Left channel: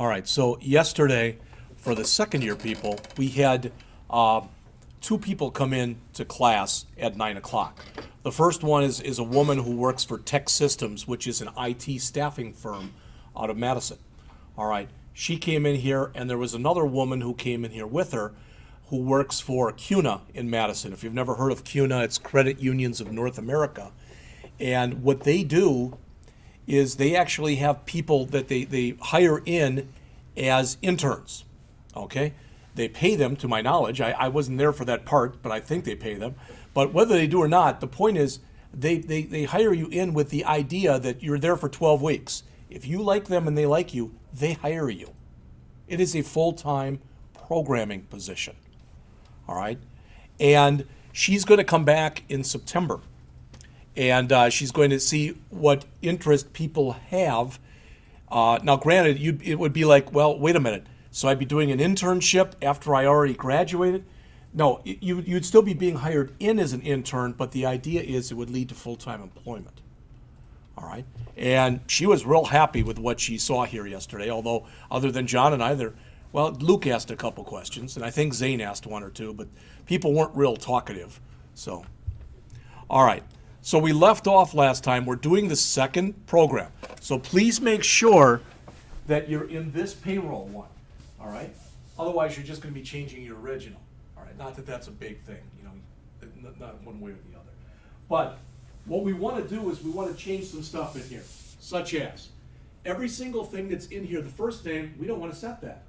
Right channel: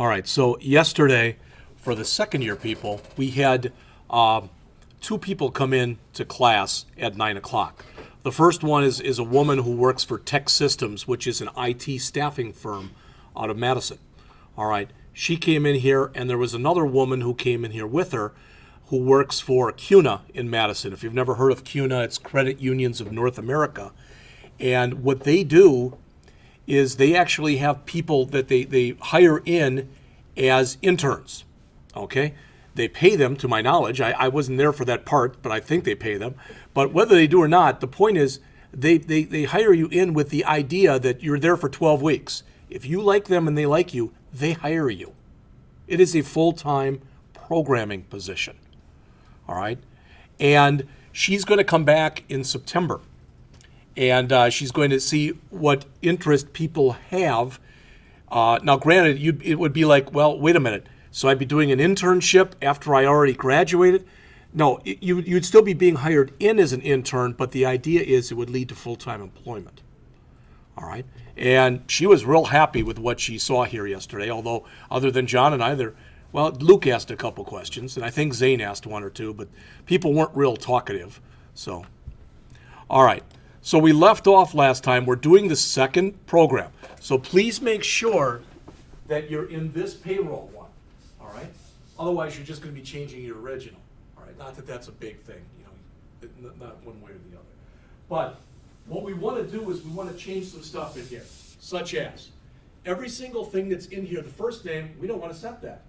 All right, so yesterday, for the second year people, we had two people come in to class at 9 o'clock. The first one is a woman who works for Tech Systems, which is an IT staffing firm out of Madison. All right, she came in here, and there was another woman who came in here with her who works for CUNA in Madison. If you've never heard of CUNA, it's Credit Unions of North America. And what they do is they actually have people that they hire in as interns, okay? They pay them, to my knowledge. I wasn't there for that part, but I think they pay them. But whether they do or not, the point is they hire you in with the idea that you're there for 12 weeks. If you like them and they like you, they hire you. It is a full-time programming position, all right? And she's going to come back in September. And she's going to see what interest people have. Now, granted, it would be like, well, wait a minute. So I'd be doing an internship after I already graduated? No, you'd still be being hired in as an intern, but the idea is it would lead to full-time employment. All right? And she was real happy with what she saw here yesterday, although other than John and I, Luke asked a couple questions, and I think Zane asked one or two, but people weren't real talkative. So, all right. So we left off last time. We're doing the second program. So please make sure that you're in this payroll one, all right? Otherwise, you're just going to be changing your original, all right? Not that that's a big thing, not one way or the other. But what we want to do is we want to change some stuff in here, such as every single thing that's in here, the first name, we don't want to set that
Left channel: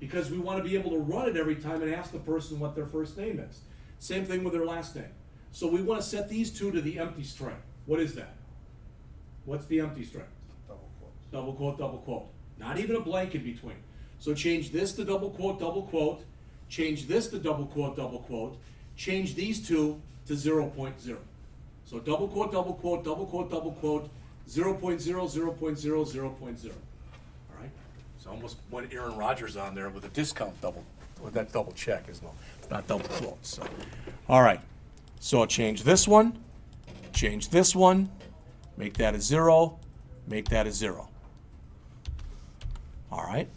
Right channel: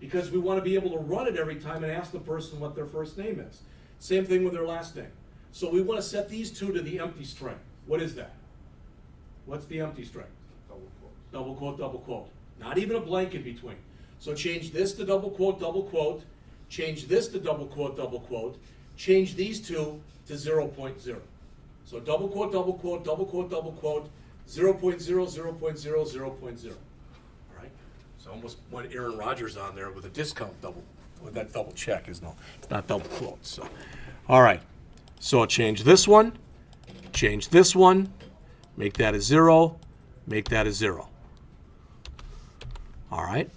because we want to be able to run it every time and ask the person what their first name is. Same thing with their last name. So we want to set these two to the empty string. What is that? What's the empty string? Double quote. Double quote, double quote. Not even a blank in between. So change this to double quote, change this to double quote, change these two to 0.0. So double quote, 0.0, 0.0, 0.0. All right? So almost went Aaron Rodgers on there with a discount double, with that double check. It's not double quotes. So, all right. So change this one, make that a 0, make that a 0. All right.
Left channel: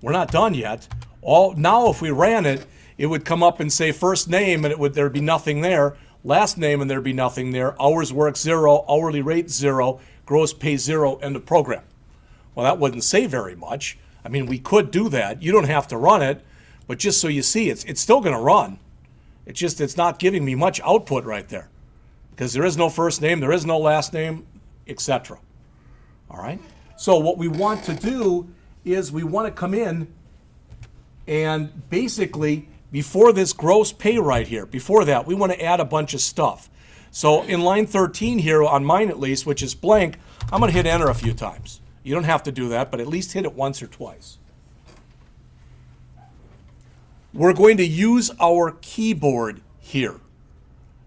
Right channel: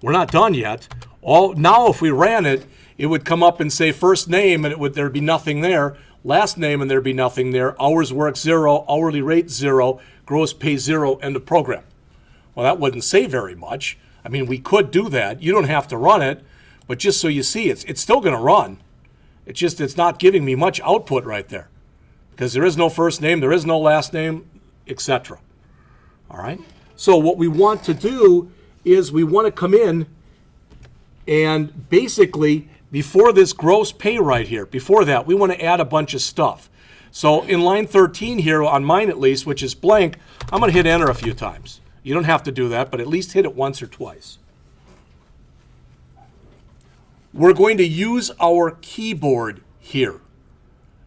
We're not done yet. Now if we ran it, it would come up and say first name and there'd be nothing there, last name and there'd be nothing there, hours work 0, hourly rate 0, gross pay 0, end of program. Well, that wouldn't say very much. I mean, we could do that. You don't have to run it, but just so you see, it's still going to run. It's not giving me much output right there because there is no first name, there is no last name, etc. All right? So what we want to do is we want to come in and basically before this gross pay right here, before that, we want to add a bunch of stuff. So in line 13 here, on mine at least, which is blank, I'm going to hit enter a few times. You don't have to do that, but at least hit it once or twice. We're going to use our keyboard here.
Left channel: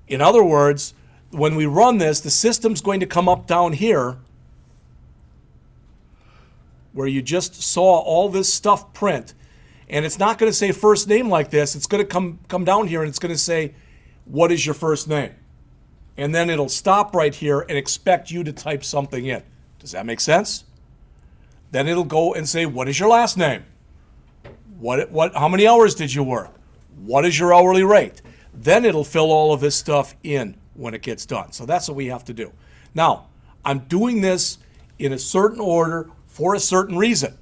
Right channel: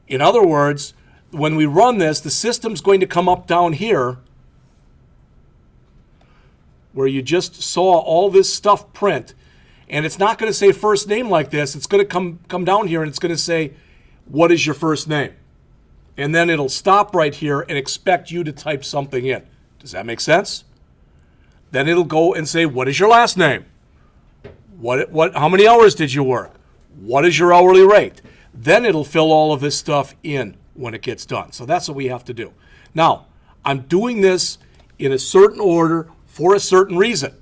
In other words, when we run this, the system's going to come up down here where you just saw all this stuff print, and it's not going to say first name like this. It's going to come down here, and it's going to say, what is your first name? And then it'll stop right here and expect you to type something in. Does that make sense? Then it'll go and say, what is your last name? How many hours did you work? What is your hourly rate? Then it'll fill all of this stuff in when it gets done. So that's what we have to do. Now, I'm doing this in a certain order for a certain reason.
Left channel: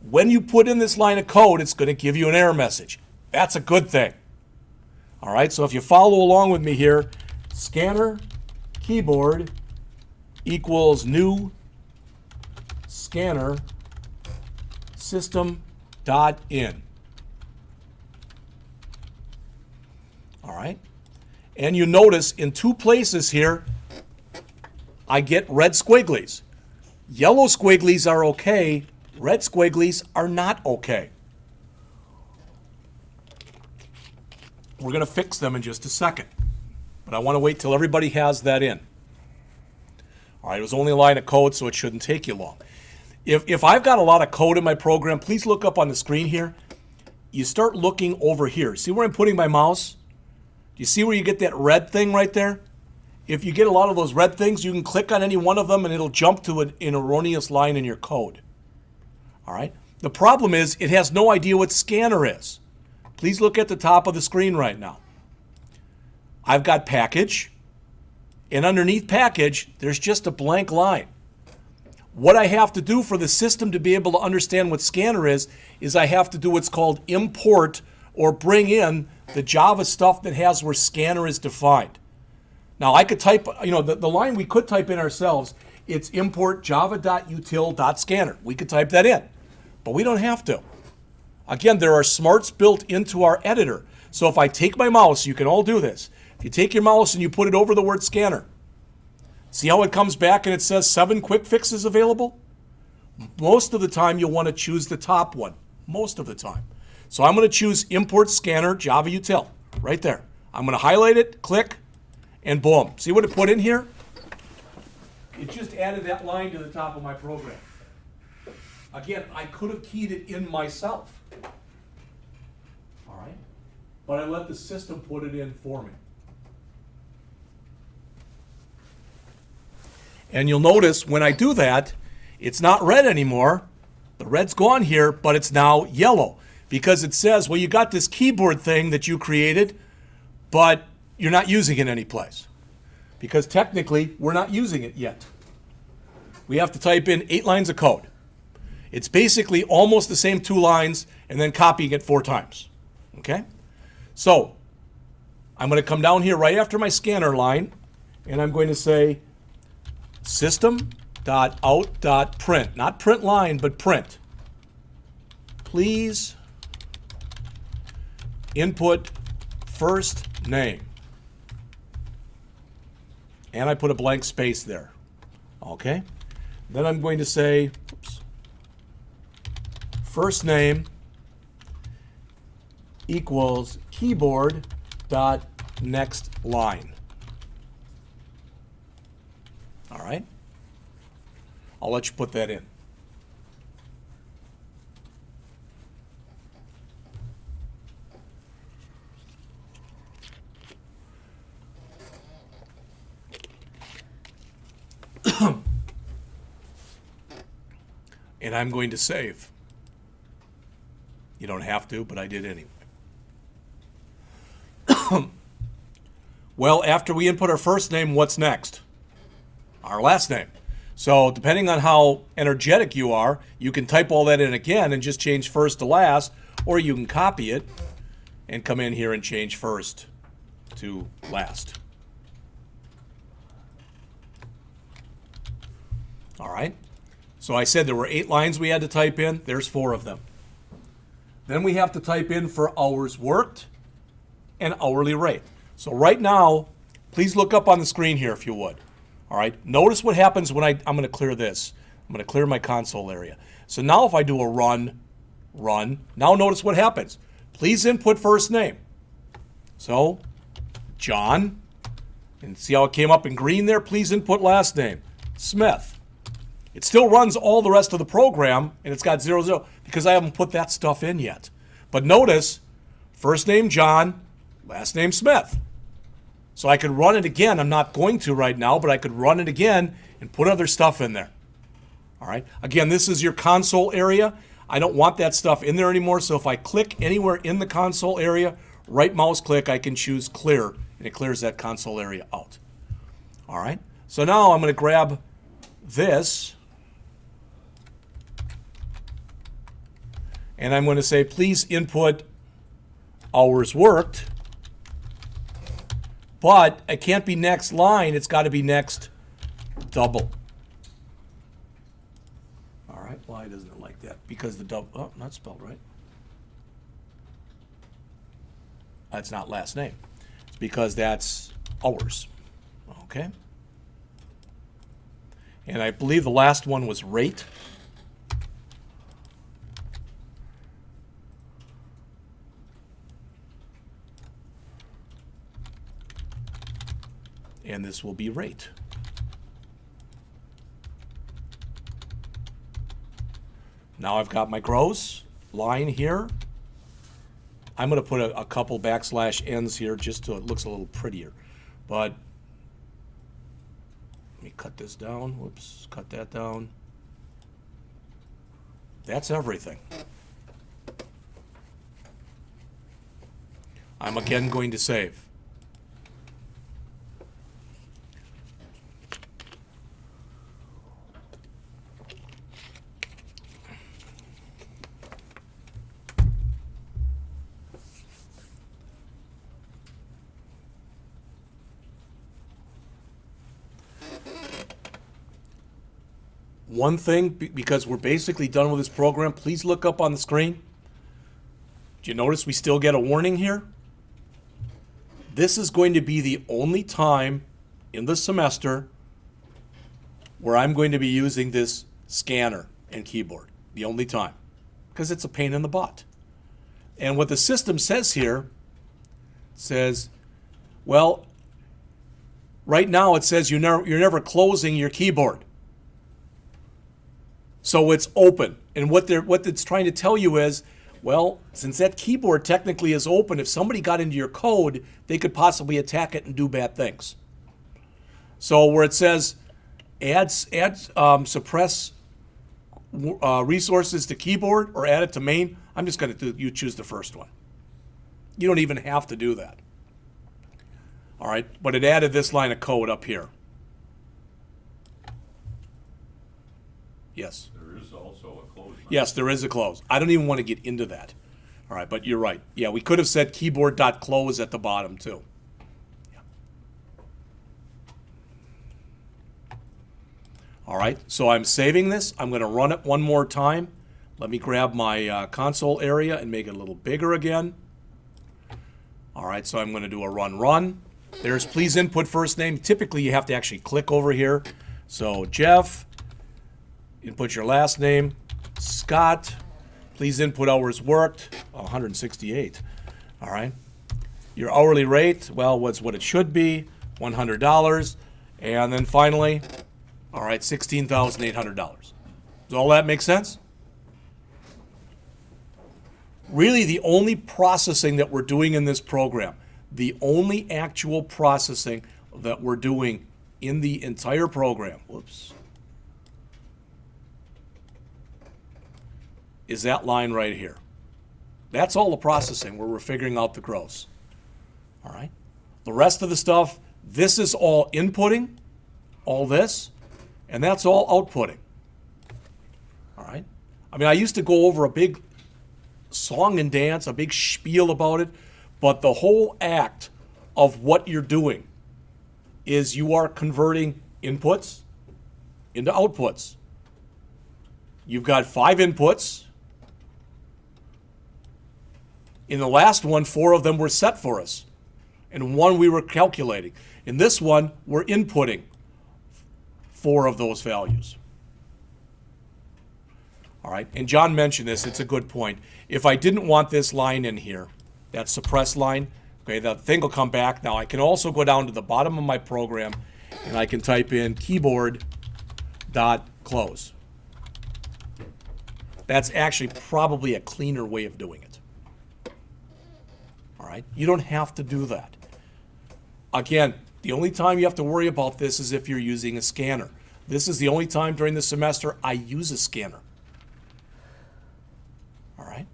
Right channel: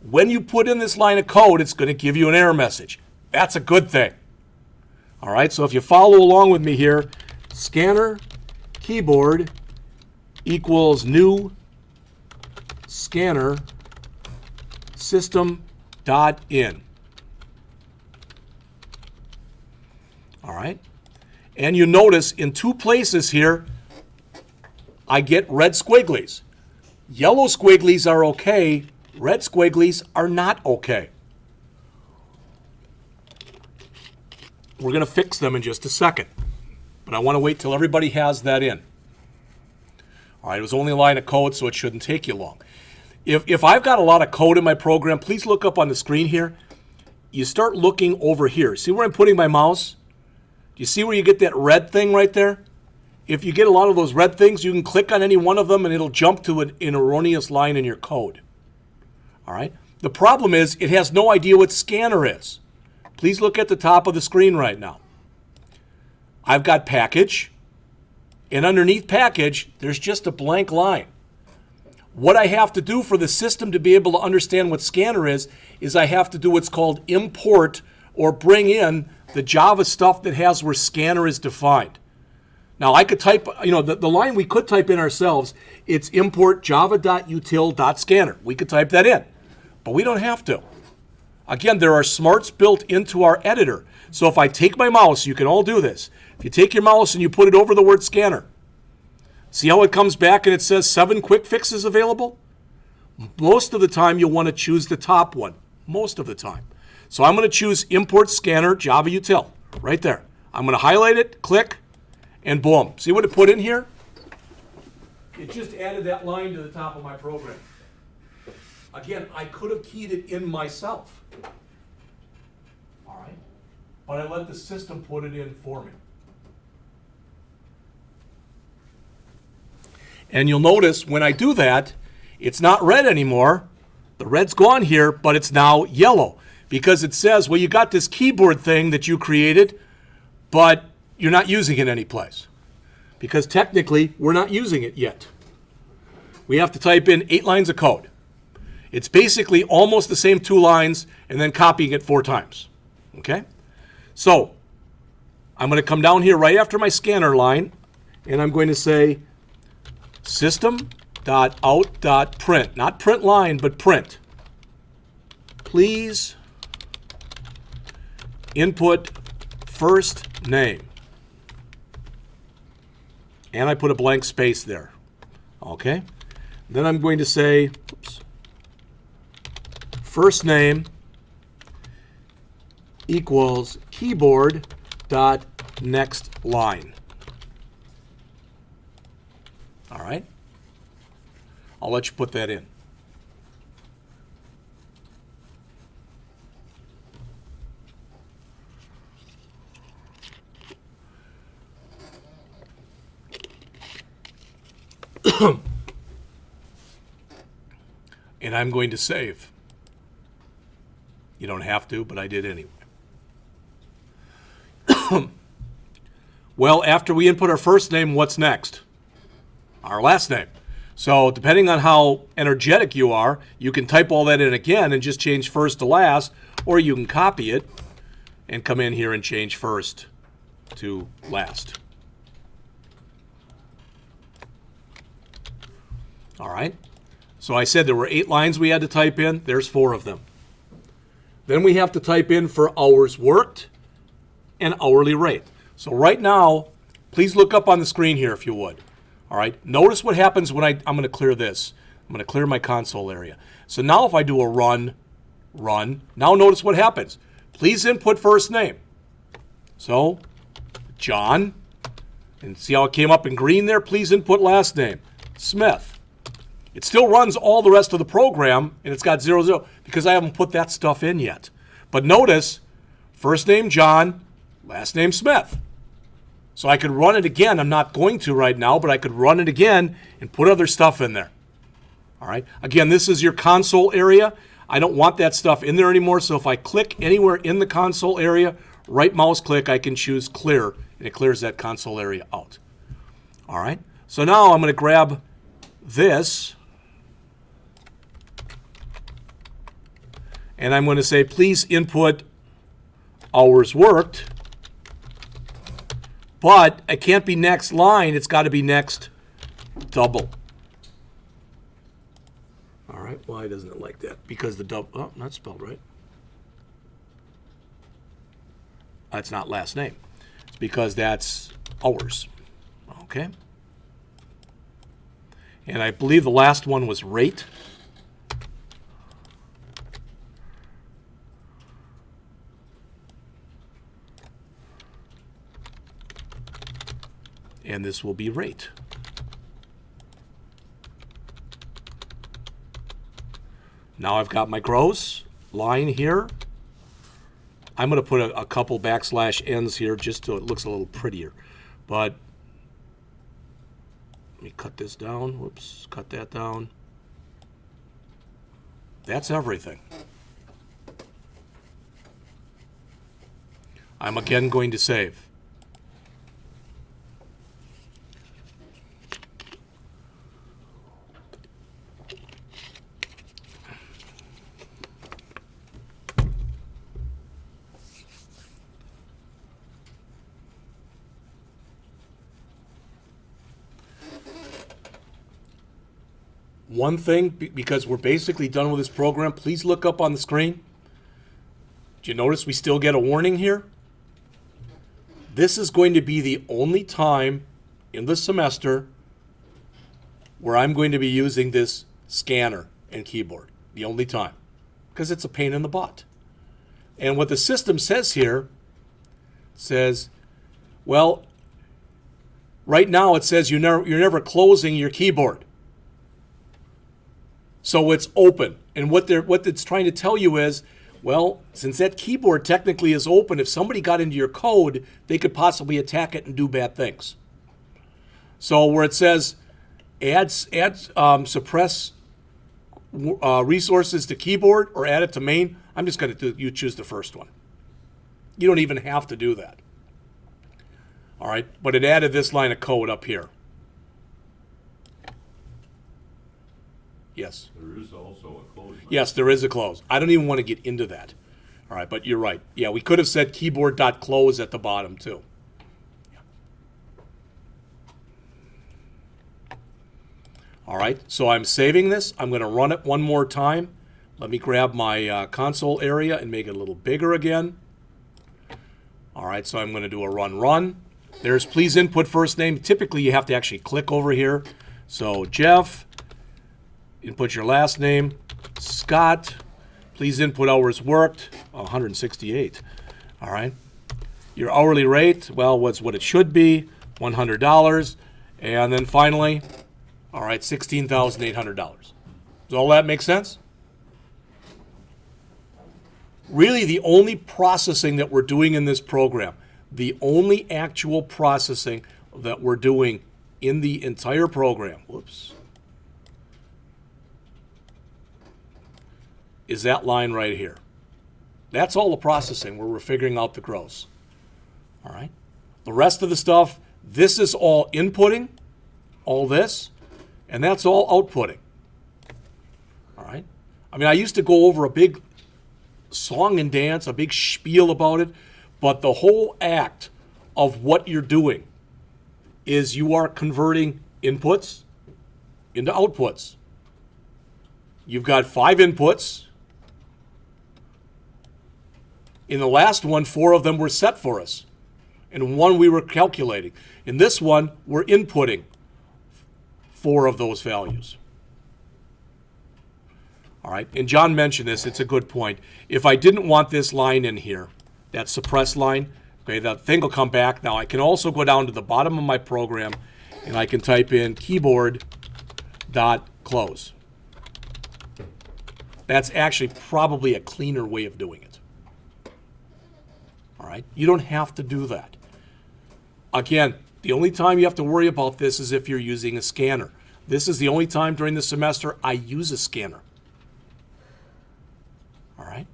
When you put in this line of code, it's going to give you an error message. That's a good thing. All right, so if you follow along with me here, scanner keyboard equals new scanner system.in. All right, and you notice in two places here, I get red squigglies. Yellow squigglies are okay, red squigglies are not okay. We're going to fix them in just a second, but I want to wait till everybody has that in. All right, it was only a line of code, so it shouldn't take you long. If I've got a lot of code in my program, please look up on the screen here. You start looking over here. See where I'm putting my mouse? Do you see where you get that red thing right there? If you get a lot of those red things, you can click on any one of them and it'll jump to an erroneous line in your code. All right. The problem is it has no idea what scanner is. Please look at the top of the screen right now. I've got package, and underneath package, there's just a blank line. What I have to do for the system to be able to understand what scanner is I have to do what's called import or bring in the Java stuff that has where scanner is defined. Now I could type, the line we could type in ourselves, it's import java.util.scanner. We could type that in, but we don't have to. Again, there are smarts built into our editor. So if I take my mouse, you can all do this. If you take your mouse and you put it over the word scanner, see how it comes back and it says 7 quick fixes available? Most of the time you'll want to choose the top one, most of the time. So I'm going to choose import scanner Java util right there. I'm going to highlight it, click, and boom. See what it put in here? It just added that line to the top of my program. Again, I could have keyed it in myself. All right? But I let the system put it in for me. And you'll notice when I do that, it's not red anymore. The red's gone here, but it's now yellow because it says, well, you got this keyboard thing that you created, but you're not using it anyplace because technically we're not using it yet. We have to type in 8 lines of code. It's basically almost the same 2 lines and then copying it 4 times. Okay? So I'm going to come down here right after my scanner line and I'm going to say system.out.print, not print line, but print. Please input first name. And I put a blank space there. Okay? Then I'm going to say, first name equals keyboard dot next line. All right? I'll let you put that in. And I'm going to save. You don't have to, but I did anyway. Well, after we input our first name, what's next? Our last name. So depending on how energetic you are, you can type all that in again and just change first to last, or you can copy it and come in here and change first to last. All right. So I said there were 8 lines we had to type in. There's 4 of them. Then we have to type in for hours worked and hourly rate. So right now, please look up on the screen here if you would. All right. Notice what happens when I'm going to clear this. I'm going to clear my console area. So now if I do a run, now notice what happens. Please input first name. So John, and see how it came up in green there? Please input last name, Smith. It still runs all the rest of the program, and it's got 00 because I haven't put that stuff in yet. But notice, first name John, last name Smith. So I could run it again. I'm not going to right now, but I could run it again and put other stuff in there. All right. Again, this is your console area. I don't want that stuff in there anymore, so if I click anywhere in the console area, right mouse click, I can choose clear, and it clears that console area out. All right. So now I'm going to grab this, and I'm going to say, please input hours worked, but it can't be next line. It's got to be next double. All right. Why doesn't it like that? Because the double, oh, not spelled right. That's not last name. It's because that's hours. Okay. And I believe the last one was rate. And this will be rate. Now I've got my gross line here. I'm going to put a couple backslash n's here just so it looks a little prettier. But let me cut this down. Whoops, cut that down. That's everything. I'm again going to save. One thing, because we're basically done with this program, please look up on the screen. Do you notice we still get a warning here? This is going to be the only time in the semester where I'm going to be using this scanner and keyboard. The only time. Because it's a pain in the butt. And what the system says here, says, well, right now it says you're never closing your keyboard. So it's open. And what it's trying to tell you is, well, since that keyboard technically is open, if somebody got into your code, they could possibly attack it and do bad things. So where it says suppress resources to keyboard or add it to main, I'm just going to you choose the first one. You don't even have to do that. All right, but it added this line of code up here. Yes. There is also a close. Yes, there is a close. I don't even want to get into that. All right, but you're right. Yeah, we could have said keyboard.close at the bottom too. Yeah. All right, so I'm saving this. I'm going to run it one more time. Let me grab my console area and make it a little bigger again. All right, so I'm going to do a run. There's please input first name. Typically, you have to actually click over here. So Jeff. Input your last name, Scott. Please input hours worked, 168. All right. Your hourly rate, well, what's what it should be, $100. And then finally, all right, $16,800. Does all that make sense? Really, the only processing that we're doing in this program, the only actual processing that we're doing in the entire program, is that line right here. That's all the processing where we're figuring out the gross. All right. The rest of the stuff, this is all inputting, all this, and that's all outputting. All right. I mean, I used to go over a big song and dance, a big spiel about it, but the whole act of what you're doing is you are converting inputs into outputs. You've got 5 inputs. In the last one, 4 of them were set for us, and 1 we were calculating. In this one, we're inputting 4 of those values. All right, and John mentioned this, it's a good point. If I didn't want this line in here, that suppress line, okay, that thing will come back. Now I can also go down to the bottom of my program, and I can type in keyboard.close. That's actually probably a cleaner way of doing it. All right, you don't have to do that. Again, the only time you have to worry about this is if you're using a scanner. This is the only time during the semester I use a scanner. All right.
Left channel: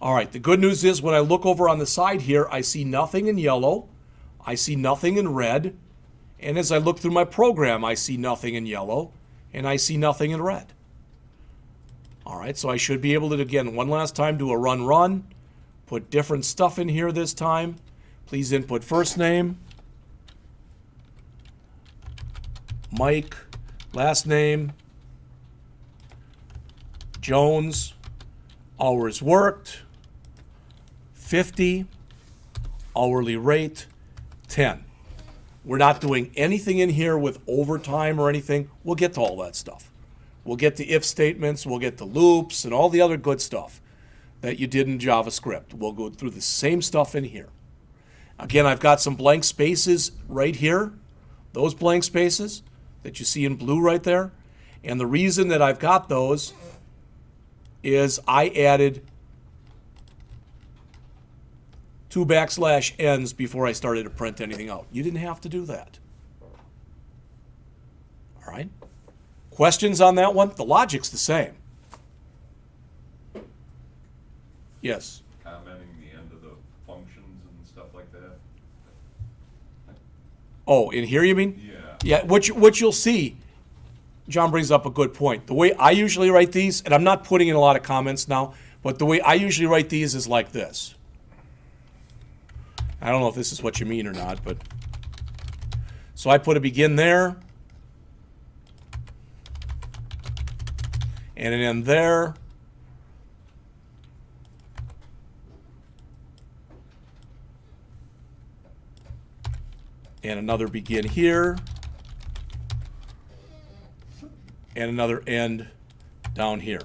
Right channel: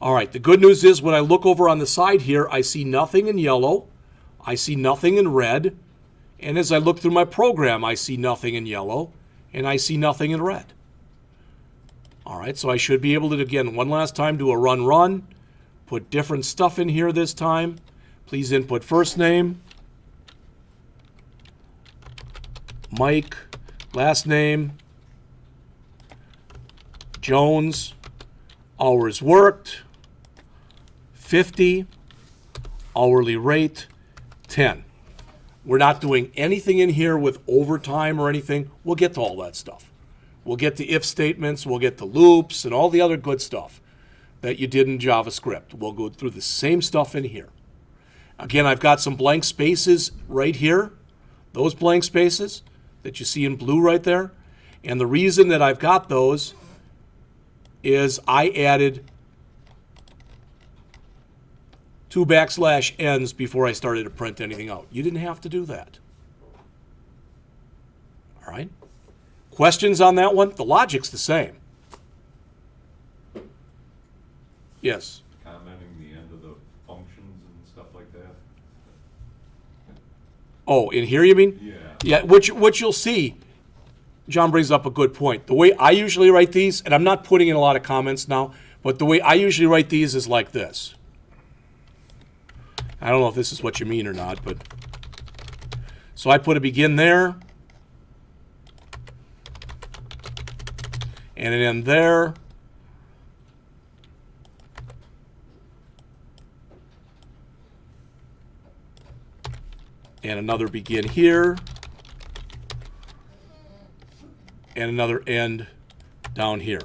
All right, the good news is when I look over on the side here, I see nothing in yellow, I see nothing in red, and as I look through my program, I see nothing in yellow, and I see nothing in red. All right, so I should be able to, again, one last time, do a run, put different stuff in here this time. Please input first name, Mike, last name, Jones, hours worked, 50, hourly rate, 10. We're not doing anything in here with overtime or anything. We'll get to all that stuff. We'll get the if statements, we'll get the loops, and all the other good stuff that you did in JavaScript. We'll go through the same stuff in here. Again, I've got some blank spaces right here, those blank spaces that you see in blue right there. And the reason that I've got those is I added 2 \n before I started to print anything out. You didn't have to do that. All right? Questions on that one? The logic's the same. Yes. Commenting the end of the functions and stuff like that. Oh, in here you mean? Yeah. Yeah, what you'll see, John brings up a good point. The way I usually write these, and I'm not putting in a lot of comments now, but the way I usually write these is like this. I don't know if this is what you mean or not, but so I put a begin there and an end there. And another begin here. And another end down here.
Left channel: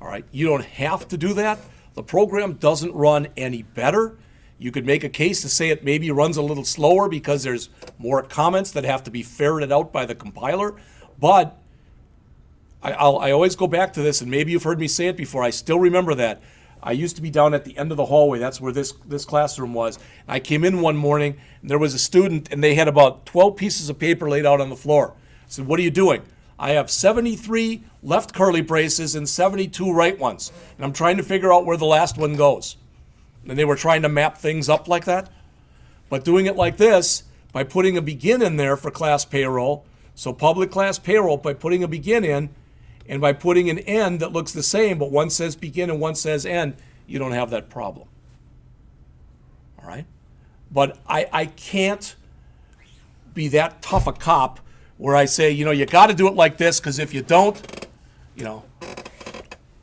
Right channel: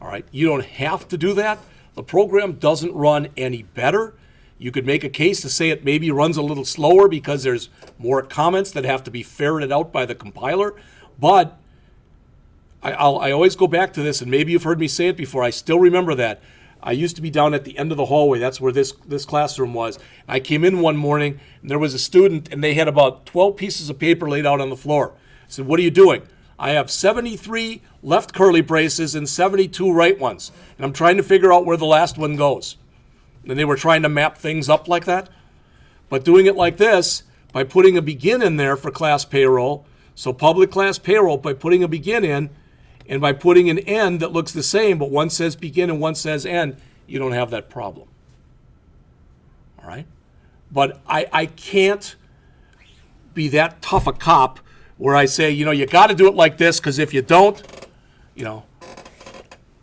All right, you don't have to do that. The program doesn't run any better. You could make a case to say it maybe runs a little slower because there's more comments that have to be ferreted out by the compiler. But I always go back to this, and maybe you've heard me say it before. I still remember that. I used to be down at the end of the hallway. That's where this classroom was. I came in one morning, and there was a student, and they had about 12 pieces of paper laid out on the floor. I said, "What are you doing?" "I have 73 left curly braces and 72 right ones, and I'm trying to figure out where the last one goes." And they were trying to map things up like that. But doing it like this, by putting a begin in there for class payroll, so public class payroll, by putting a begin in, and by putting an end that looks the same, but one says begin and one says end, you don't have that problem. All right? But I can't be that tough a cop where I say, you got to do it like this, because if you don't,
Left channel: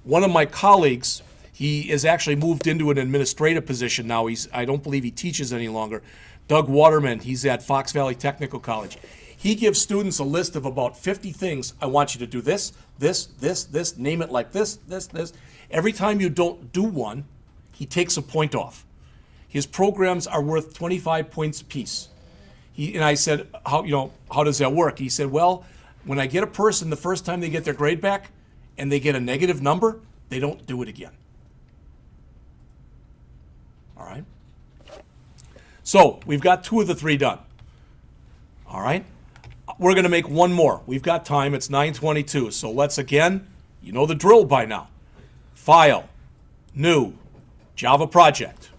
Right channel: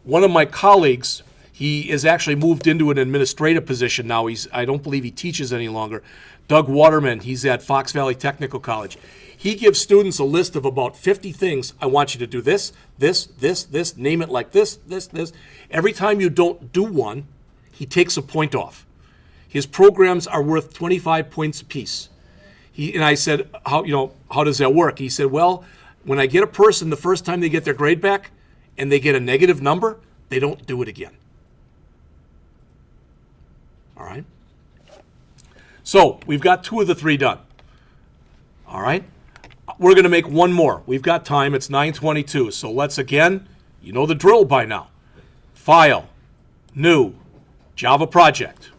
one of my colleagues, he is actually moved into an administrative position now. I don't believe he teaches any longer. Doug Waterman, he's at Fox Valley Technical College. He gives students a list of about 50 things. I want you to do this, this, this, this, name it like this, this, this. Every time you don't do one, he takes a point off. His programs are worth 25 points apiece. And I said, how does that work? He said, well, when I get a person the first time they get their grade back and they get a negative number, they don't do it again. All right? So we've got 2 of the 3 done. All right? We're going to make one more. We've got time. It's 9:22. So let's again, you know the drill by now. File, new, Java project.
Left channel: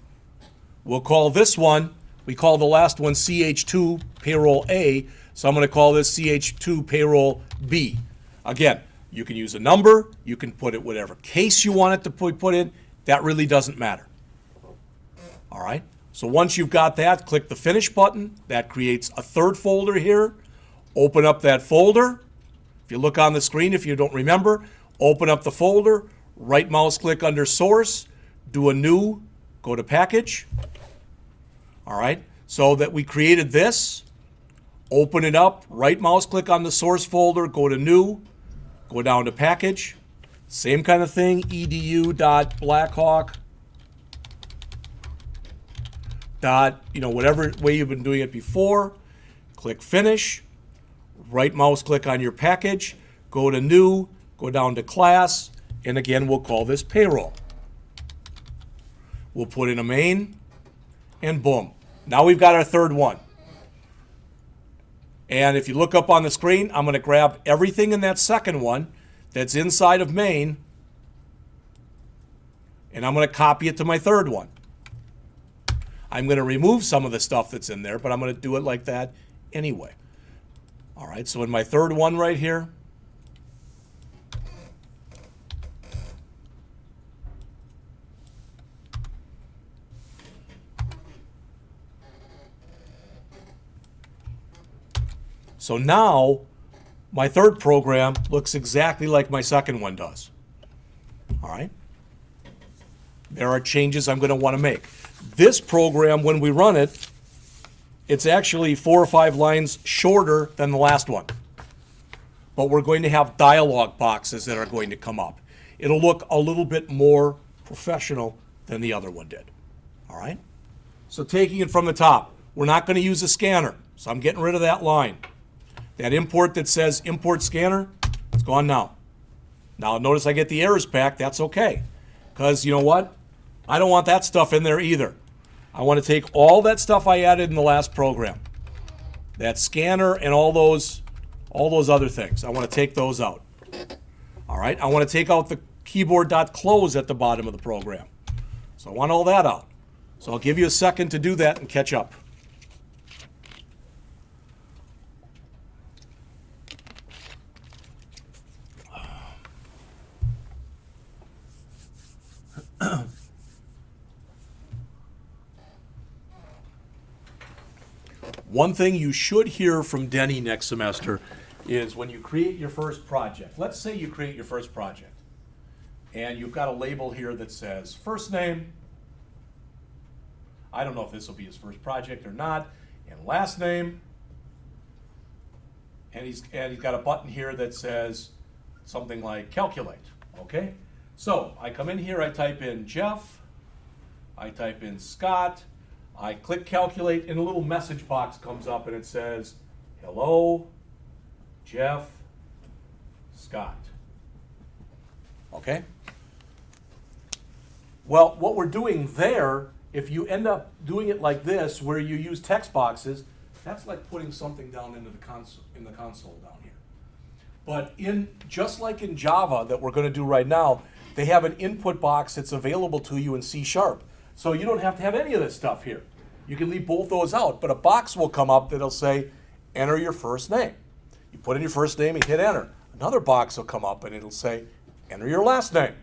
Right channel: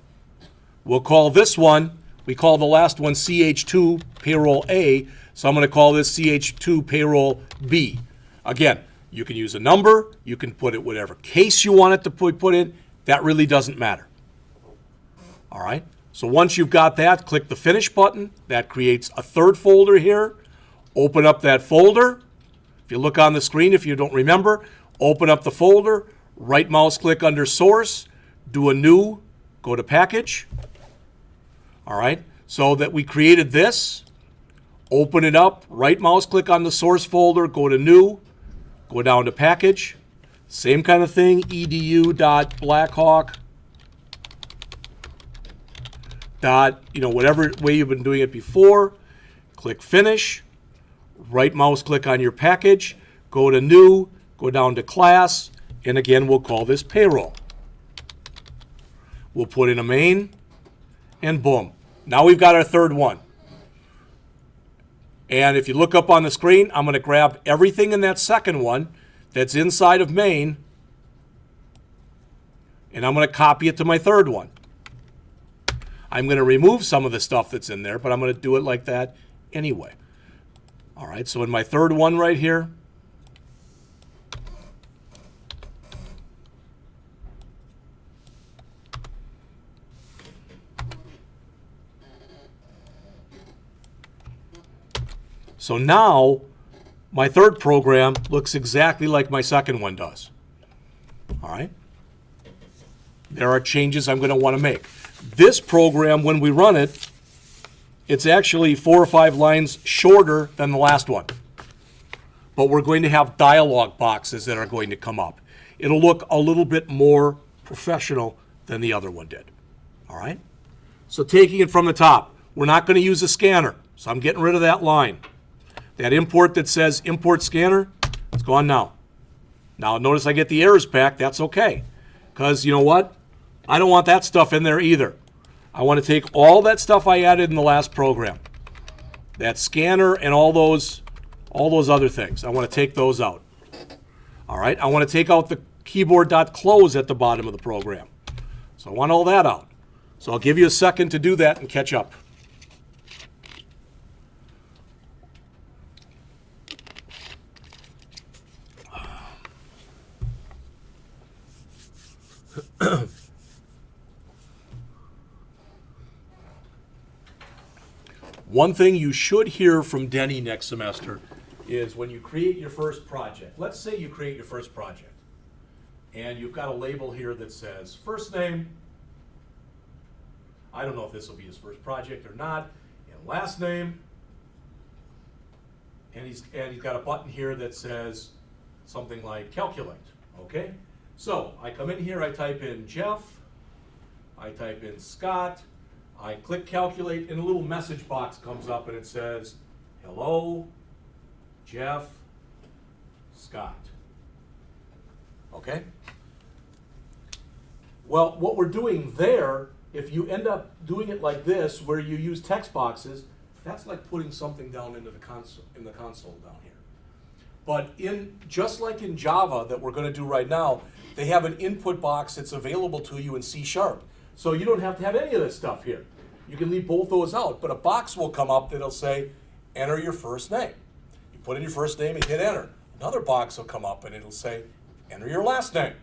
We'll call this one, we call the last one CH2 payroll A, so I'm going to call this CH2 payroll B. Again, you can use a number, you can put it whatever case you want it to put in, that really doesn't matter. All right, so once you've got that, click the finish button. That creates a third folder here. Open up that folder. If you look on the screen, if you don't remember, open up the folder, right mouse click under source, do a new, go to package. All right, so that we created this, open it up, right mouse click on the source folder, go to new, go down to package. Same kind of thing, edu.blackhawk. Whatever way you've been doing it before, click finish, right mouse click on your package, go to new, go down to class, and again, we'll call this payroll. We'll put in a main, and boom. Now we've got our third one. And if you look up on the screen, I'm going to grab everything in that second one that's inside of main, and I'm going to copy it to my third one. I'm going to remove some of the stuff that's in there, but I'm going to do it like that anyway. All right, so in my third one right here, so now my third program looks exactly like my second one does. All right, there are changes I'm going to want to make. This program, when we run it, it's actually 4 or 5 lines shorter than the last one. But we're going to have dialog boxes that are going to come up. It'll look a little bit more professional than the other one did. All right? So taking it from the top, we're not going to use a scanner. So I'm getting rid of that line. That import that says import scanner, it's gone now. Now notice I get the errors back. That's okay. Because you know what? I don't want that stuff in there either. I want to take all that stuff I added in the last program, that scanner and all all those other things. I want to take those out. All right, I want to take out the keyboard.close at the bottom of the program. So I want all that out. So I'll give you a second to do that and catch up. One thing you should hear from Denny next semester is when you create your first project. Let's say you create your first project, and you've got a label here that says first name. I don't know if this will be his first project or not, and last name. And he's got a button here that says something like calculate. Okay? So I come in here, I type in Jeff, I type in Scott, I click calculate, and a little message box comes up and it says, hello, Jeff, Scott. Okay? Well, what we're doing there, if you end up doing it like this, where you use text boxes, that's like putting something down into the console down here. But just like in Java that we're going to do right now, they have an input box that's available to you in C#. So you don't have to have any of this stuff here. You can leave both those out, but a box will come up that'll say, enter your first name. You put in your first name and hit enter. Another box will come up and it'll say, enter your last name.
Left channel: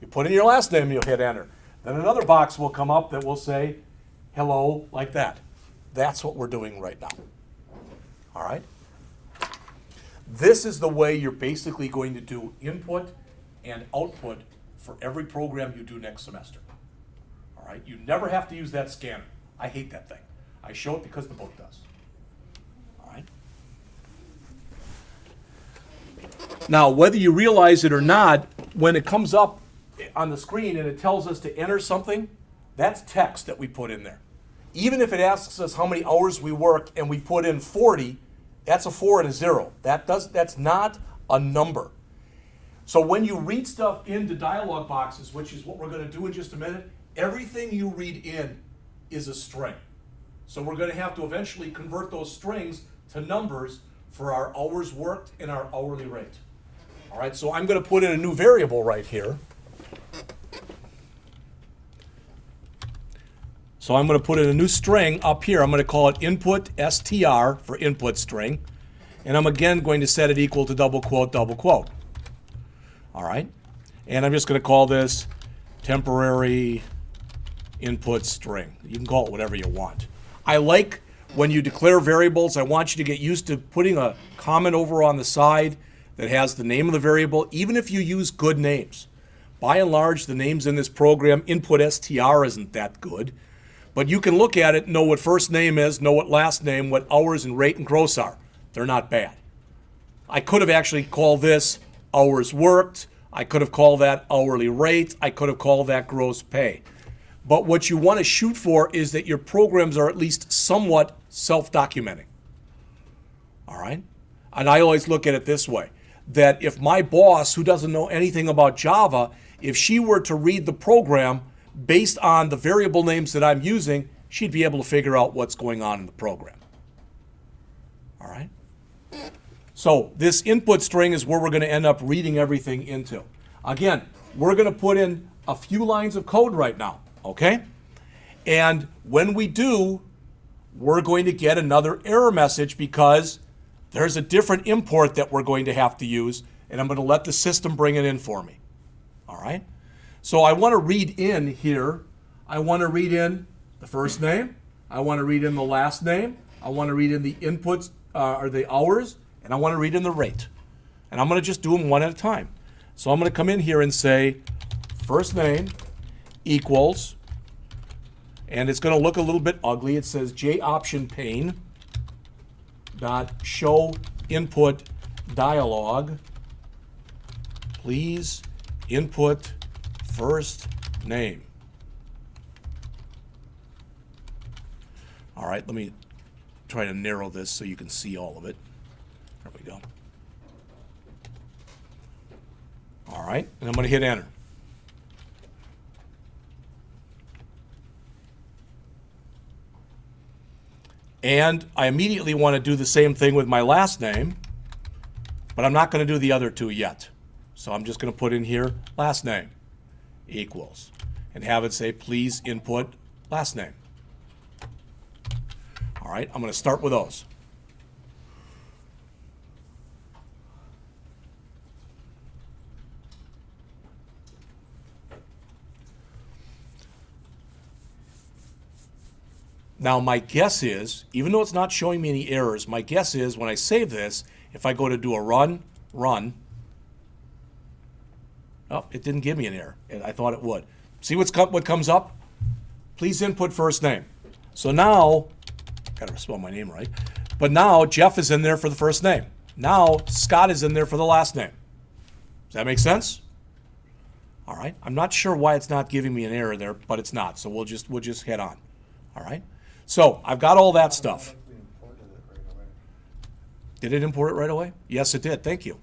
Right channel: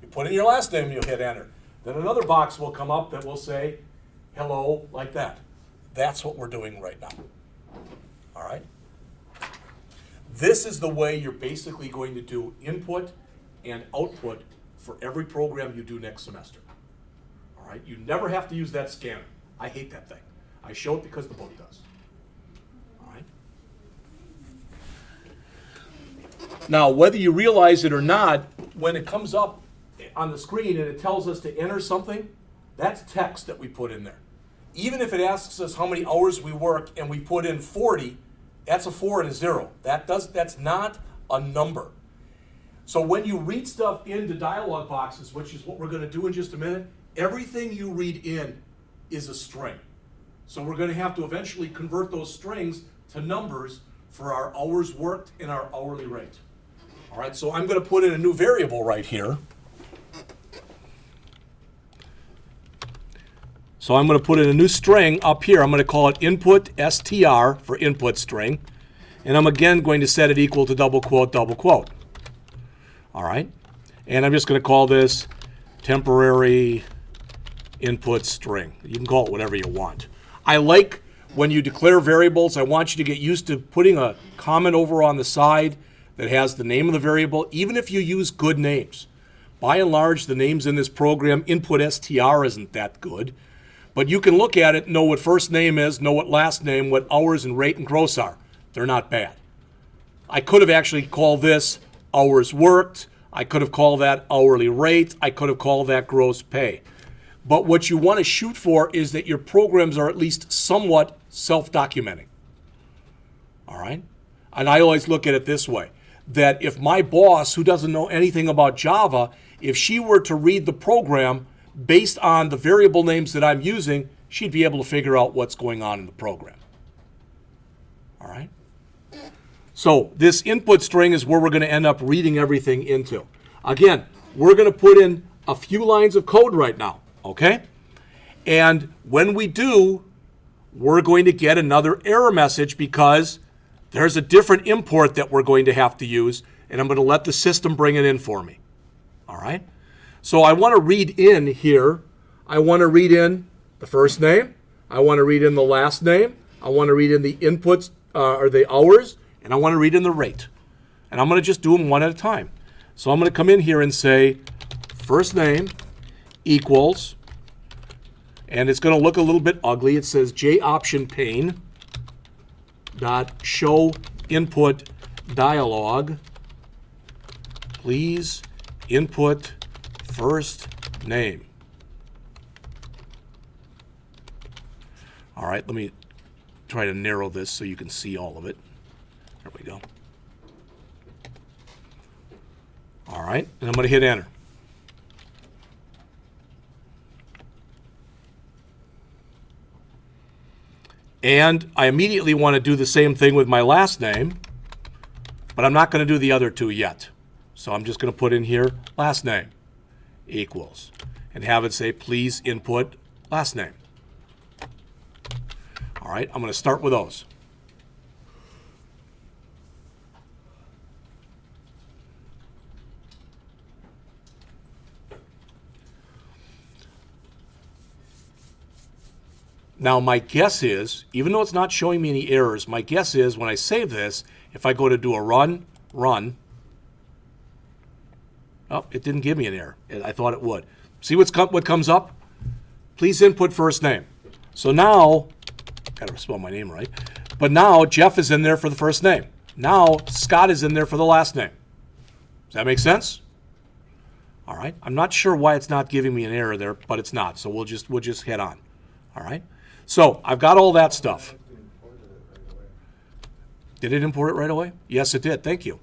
You put in your last name and you'll hit enter. Then another box will come up that will say, hello, like that. That's what we're doing right now. All right? This is the way you're basically going to do input and output for every program you do next semester. All right? You never have to use that scanner. I hate that thing. I show it because the book does. All right? Now, whether you realize it or not, when it comes up on the screen and it tells us to enter something, that's text that we put in there. Even if it asks us how many hours we work and we put in 40, that's a 4 and a 0. That's not a number. So when you read stuff into dialog boxes, which is what we're going to do in just a minute, everything you read in is a string. So we're going to have to eventually convert those strings to numbers for our hours worked and our hourly rate. All right, so I'm going to put in a new variable right here. So I'm going to put in a new string up here. I'm going to call it input str for input string. And I'm again going to set it equal to double quote, double quote. All right. And I'm just going to call this temporary input string. You can call it whatever you want. I like when you declare variables, I want you to get used to putting a comment over on the side that has the name of the variable, even if you use good names. By and large, the names in this program, input str isn't that good. But you can look at it, know what first name is, know what last name, what hours and rate and gross are. They're not bad. I could have actually called this hours worked. I could have called that hourly rate. I could have called that gross pay. But what you want to shoot for is that your programs are at least somewhat self-documenting. All right? And I always look at it this way, that if my boss, who doesn't know anything about Java, if she were to read the program based on the variable names that I'm using, she'd be able to figure out what's going on in the program. All right? So this input string is where we're going to end up reading everything into. Again, we're going to put in a few lines of code right now, okay? And when we do, we're going to get another error message because there's a different import that we're going to have to use, and I'm going to let the system bring it in for me. All right? So I want to read in here. I want to read in the first name. I want to read in the last name. I want to read in the inputs or the hours, and I want to read in the rate. And I'm going to just do them one at a time. So I'm going to come in here and say first name equals, and it's going to look a little bit ugly. It says JOption pane dot show input dialog. Please input first name. All right, let me try to narrow this so you can see all of it. There we go. All right, and I'm going to hit enter. And I immediately want to do the same thing with my last name. But I'm not going to do the other two yet. So I'm just going to put in here last name equals and have it say please input last name. All right, I'm going to start with those. Now my guess is, even though it's not showing me any errors, my guess is when I save this, if I go to do a run, oh, it didn't give me an error. I thought it would. See what comes up? Please input first name. So now, gotta spell my name right, but now Jeff is in there for the first name. Now Scott is in there for the last name. Does that make sense? All right. I'm not sure why it's not giving me an error there, but it's not. So we'll just head on. All right. So I've got all that stuff. Did it import it right away? Yes, it did. Thank you.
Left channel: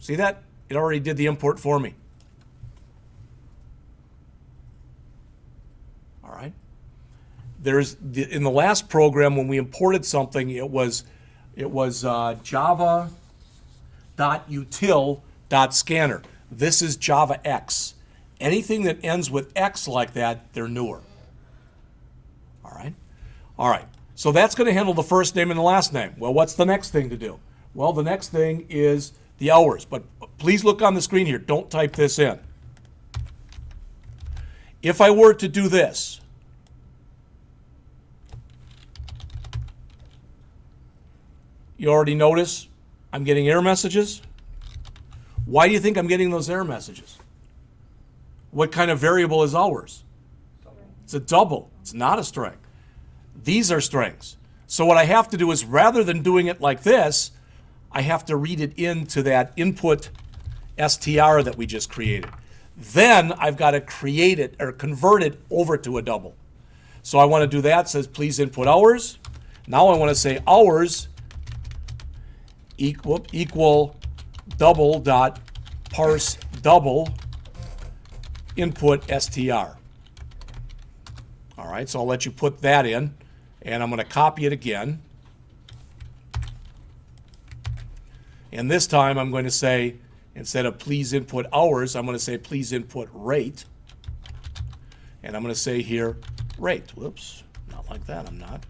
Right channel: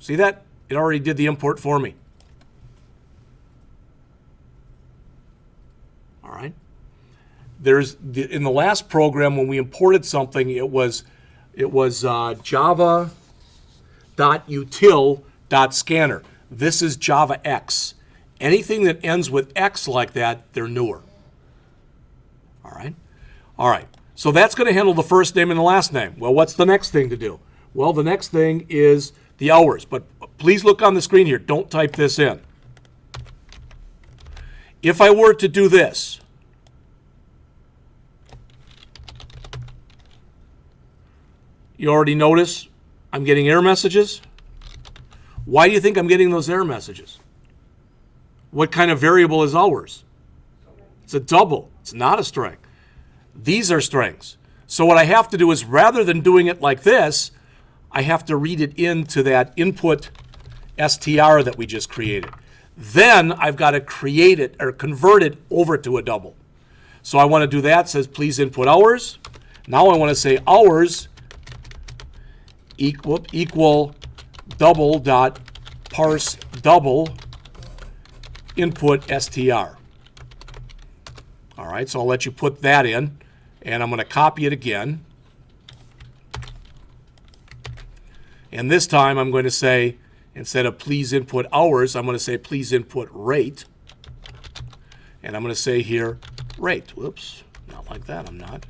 See that? It already did the import for me. All right. In the last program when we imported something, it was java.util.scanner. This is Java X. Anything that ends with X like that, they're newer. All right. All right. So that's going to handle the first name and the last name. Well, what's the next thing to do? Well, the next thing is the hours. But please look on the screen here. Don't type this in. If I were to do this, you already notice I'm getting error messages. Why do you think I'm getting those error messages? What kind of variable is hours? It's a double. It's not a string. These are strings. So what I have to do is, rather than doing it like this, I have to read it into that input str that we just created. Then I've got to create it or convert it over to a double. So I want to do that. It says please input hours. Now I want to say hours equal double dot parse double input str. All right, so I'll let you put that in, and I'm going to copy it again. And this time I'm going to say, instead of please input hours, I'm going to say please input rate. And I'm going to say here rate. Whoops, not like that, I'm not.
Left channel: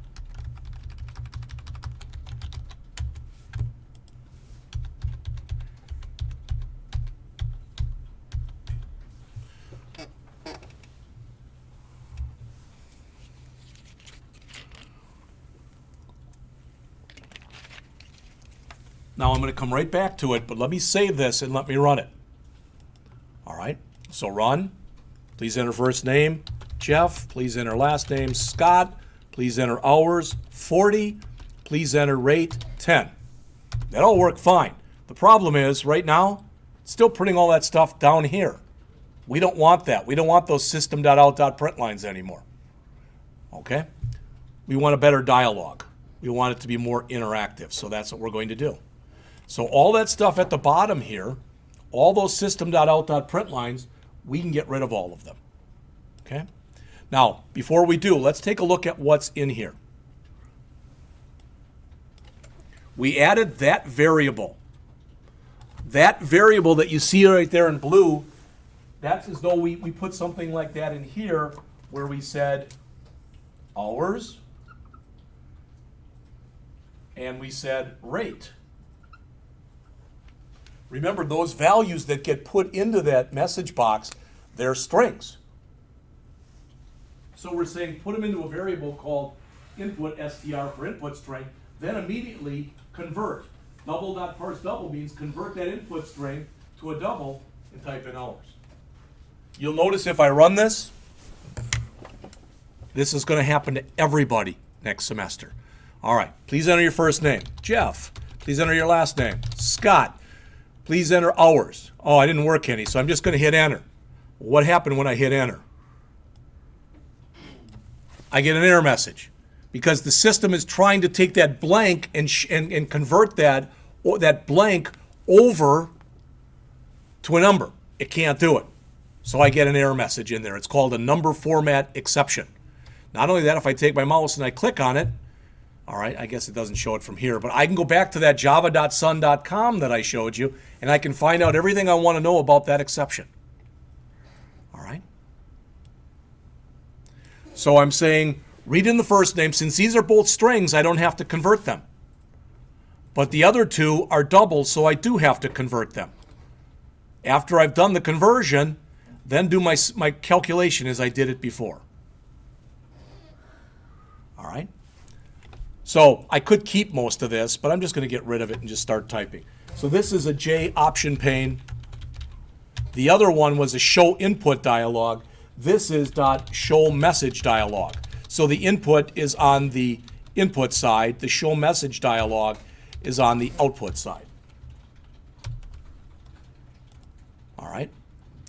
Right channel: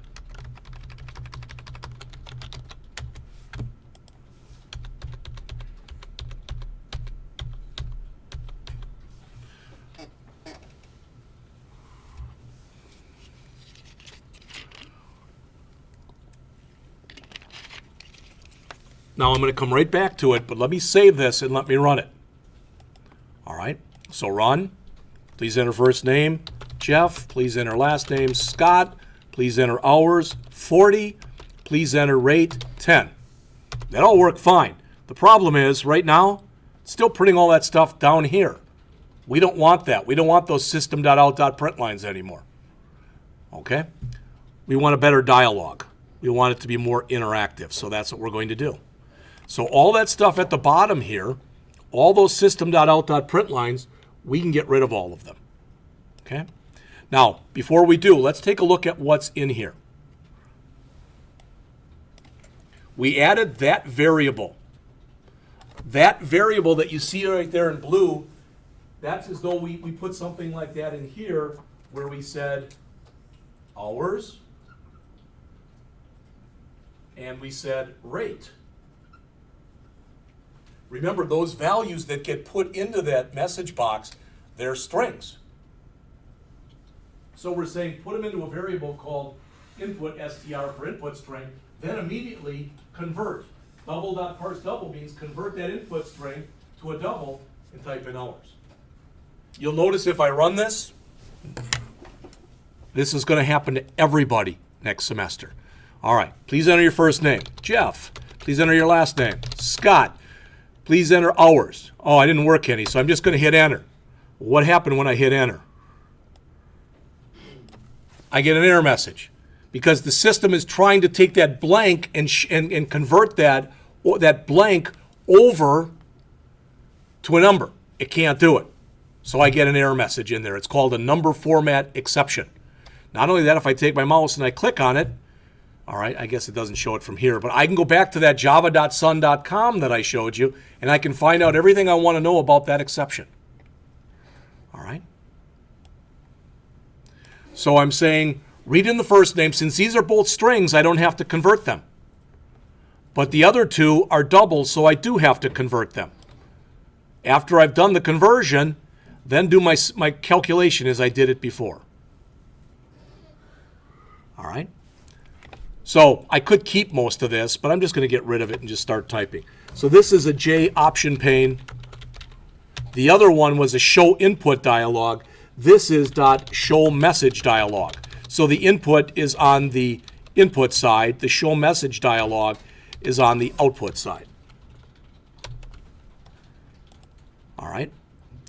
Now I'm going to come right back to it, but let me save this and let me run it. All right, so run. Please enter first name, Jeff. Please enter last name, Scott. Please enter hours, 40. Please enter rate, 10. That all worked fine. The problem is, right now, it's still printing all that stuff down here. We don't want that. We don't want those system.out.print lines anymore. Okay? We want a better dialogue. We want it to be more interactive, so that's what we're going to do. So all that stuff at the bottom here, all those system.out.print lines, we can get rid of all of them. Okay? Now, before we do, let's take a look at what's in here. We added that variable. That variable that you see right there in blue, that's as though we put something like that in here where we said hours and we said rate. Remember, those values that get put into that message box, they're strings. So we're saying put them into a variable called input str for input string, then immediately convert. Double.parse double means convert that input string to a double and type in hours. You'll notice if I run this, this is going to happen to everybody next semester. All right, please enter your first name, Jeff. Please enter your last name, Scott. Please enter hours. Oh, I didn't work any, so I'm just going to hit enter. What happened when I hit enter? I get an error message because the system is trying to take that blank and convert that blank over to a number. It can't do it. So I get an error message in there. It's called a number format exception. Not only that, if I take my mouse and I click on it, All right, I guess it doesn't show it from here, but I can go back to that java.sun.com that I showed you, and I can find out everything I want to know about that exception. All right? So I'm saying, read in the first name. Since these are both strings, I don't have to convert them. But the other two are doubles, so I do have to convert them. After I've done the conversion, then do my calculation as I did it before. All right? So I could keep most of this, but I'm just going to get rid of it and just start typing. So this is a J option pane. The other one was a show input dialog. This is .show message dialog. So the input is on the input side. The show message dialog is on the output side. All right?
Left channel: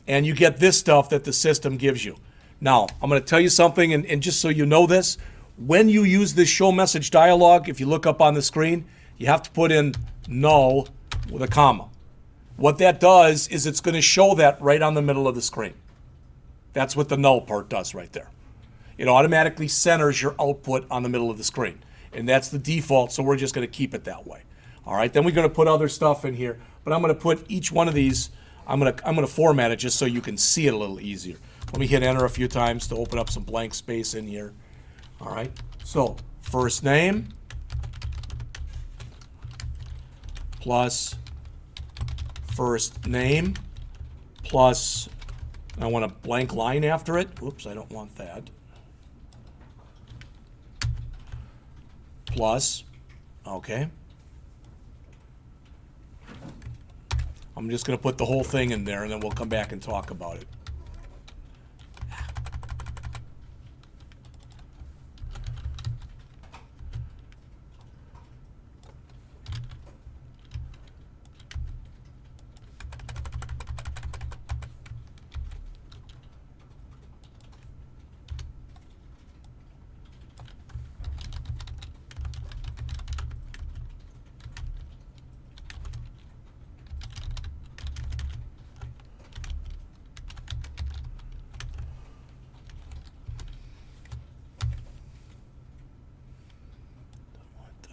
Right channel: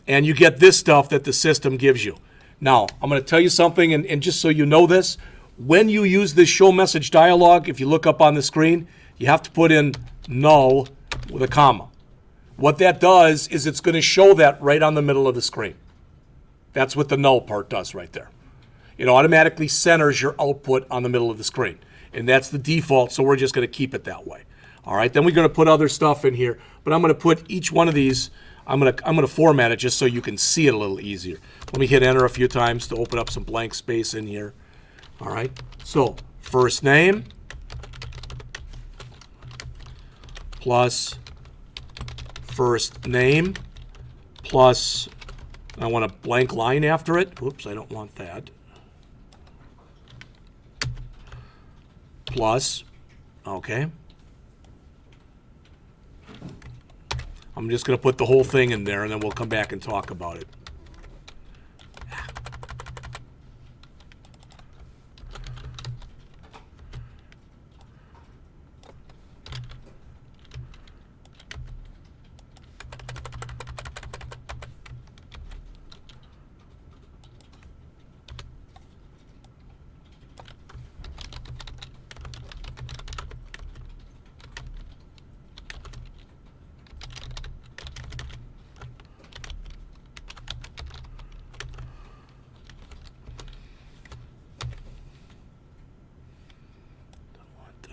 And you get this stuff that the system gives you. Now, I'm going to tell you something, and just so you know this, when you use this show message dialog, if you look up on the screen, you have to put in null with a comma. What that does is it's going to show that right on the middle of the screen. That's what the null part does right there. It automatically centers your output on the middle of the screen. And that's the default, so we're just going to keep it that way. All right, then we're going to put other stuff in here, but I'm going to put each one of these, I'm going to format it just so you can see it a little easier. Let me hit enter a few times to open up some blank space in here. All right, so first name plus first name plus, I want a blank line after it. Whoops, I don't want that. Plus, okay. I'm just going to put the whole thing in there, and then we'll come back and talk about it.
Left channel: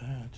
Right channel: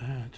That.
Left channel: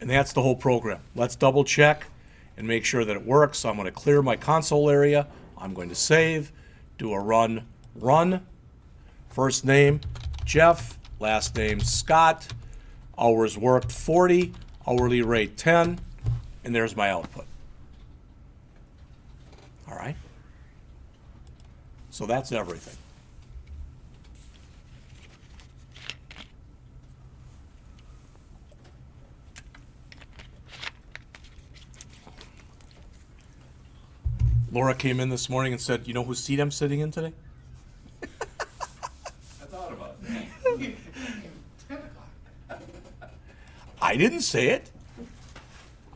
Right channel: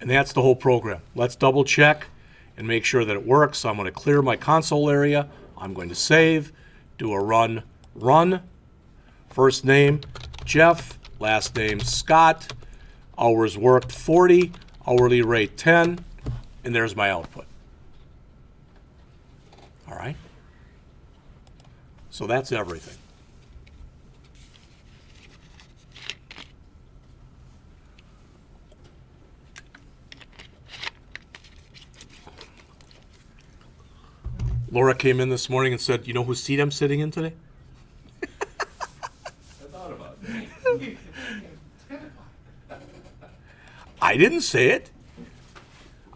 And that's the whole program. Let's double check and make sure that it works. So I'm going to clear my console area. I'm going to save, do a run. First name, Jeff. Last name, Scott. Hours worked, 40. Hourly rate, 10. And there's my output. All right? So that's everything. Laura came in this morning and said, "You know whose seat I'm sitting in today?" I thought about it. I didn't say it.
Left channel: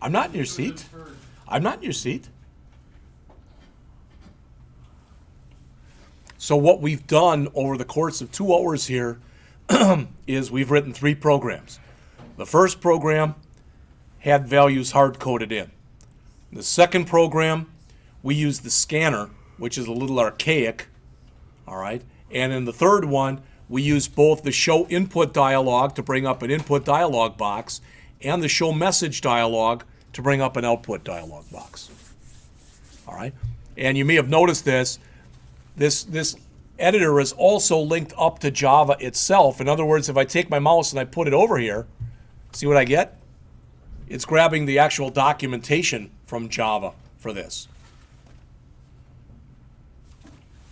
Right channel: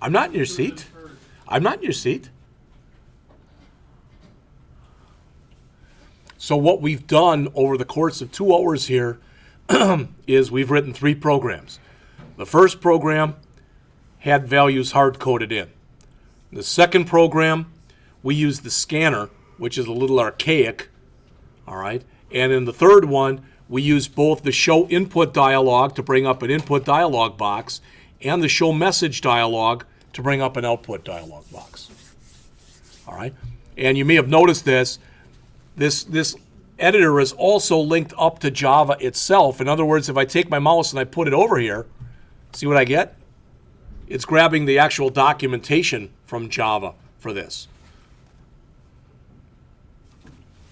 I'm not in your seat. I'm not in your seat. So what we've done over the course of 2 hours here is we've written 3 programs. The first program had values hard-coded in. The second program, we used the scanner, which is a little archaic, all right? And in the third one, we used both the show input dialog to bring up an input dialog box and the show message dialog to bring up an output dialog box, all right? And you may have noticed this editor is also linked up to Java itself. In other words, if I take my mouse and I put it over here, see what I get? It's grabbing the actual documentation from Java for this.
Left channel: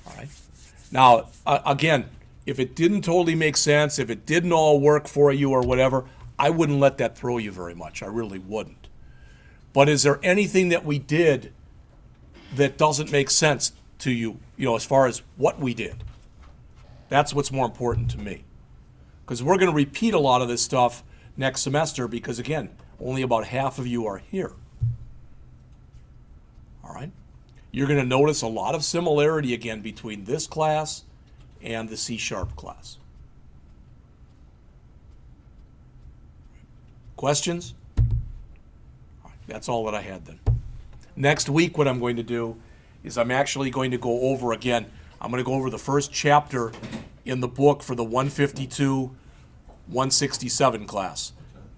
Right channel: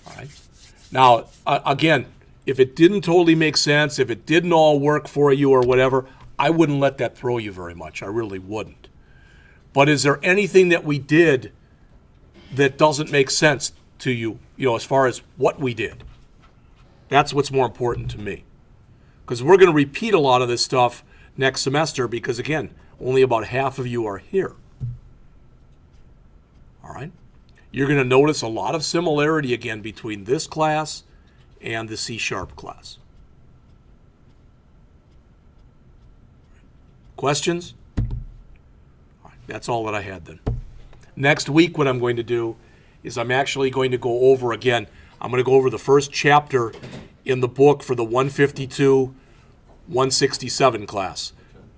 All right. Now, again, if it didn't totally make sense, if it didn't all work for you or whatever, I wouldn't let that throw you very much. I really wouldn't. But is there anything that we did that doesn't make sense to you, as far as what we did? That's what's more important to me. Because we're going to repeat a lot of this stuff next semester because, again, only about half of you are here. All right? You're going to notice a lot of similarity, again, between this class and the C# class. Questions? All right, that's all that I had then. Next week, what I'm going to do is I'm actually going to go over again. I'm going to go over the first chapter in the book for the 152, 167 class.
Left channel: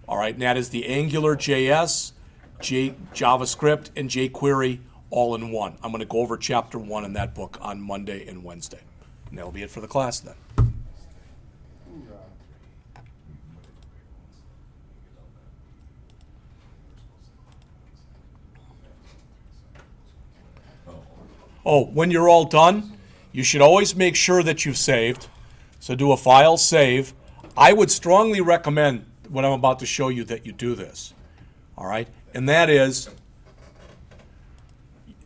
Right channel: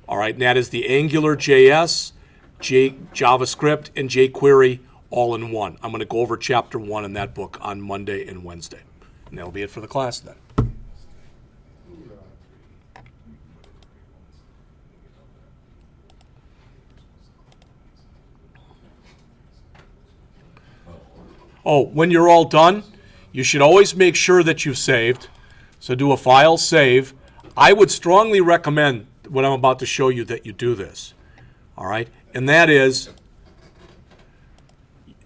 All right, and that is the Angular JS, JavaScript, and jQuery all in one. I'm going to go over chapter 1 in that book on Monday and Wednesday. And that'll be it for the class then. Oh, when you're all done, you should always make sure that you've saved. So do a file save. I would strongly recommend what I'm about to show you that you do this. All right? And that is,